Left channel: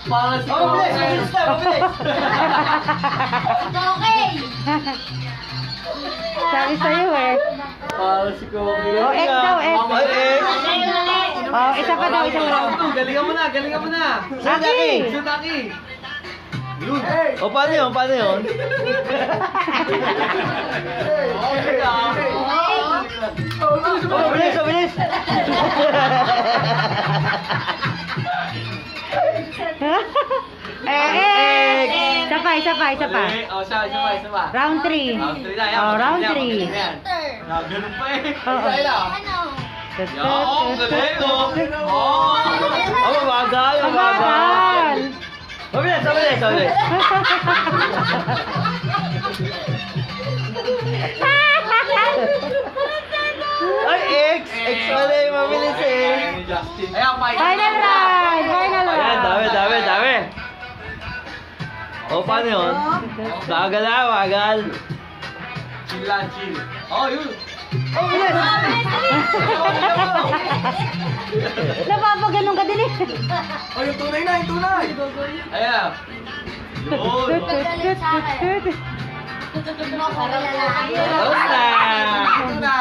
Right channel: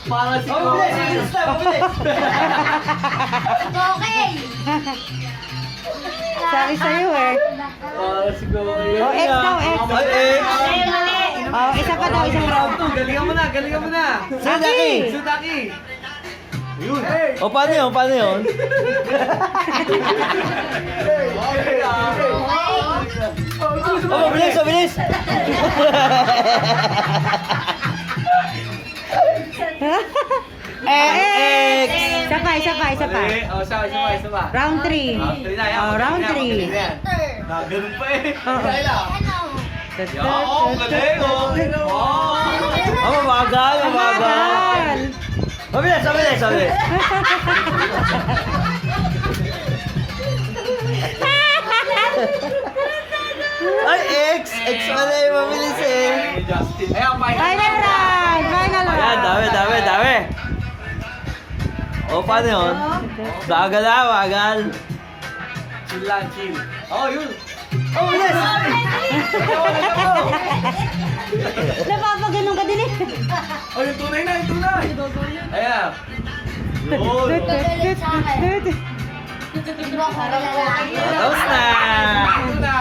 Para si Mabilis, mabilis. Okay. Sabi sa'yo eh. Para si Gogi. Oh, X daw, X. X. Oh, isa pa daw, isa pa daw. Galingan mo na, galingan mo na. Aki! Sudaki. Yun. O, paano yun? Paano yun? Okay lang. O, mabilis, mabilis. X! Isa pa, isa pa, isa pa. Oh, isa pa. Round 3. Round 3 na, yan. Oh, round Yan, 3. yan. Ganun pa eh. Oo. Yan, galing oh. Oh. O, magal, Magal! Mabilis, mabilis, mabilis. Ay, X! X pala yung mabilis eh. Justin. Ayan, Final round! Final Ayan, round! dami, dami, dami. O, paano yun? Magal na, magal. Chill lang, chill. Oh, yun. Yes! Napapaganon ka din eh. Oh, yung tunay na, yung tunay. Ayan. Yun. Tapos na! Yun na.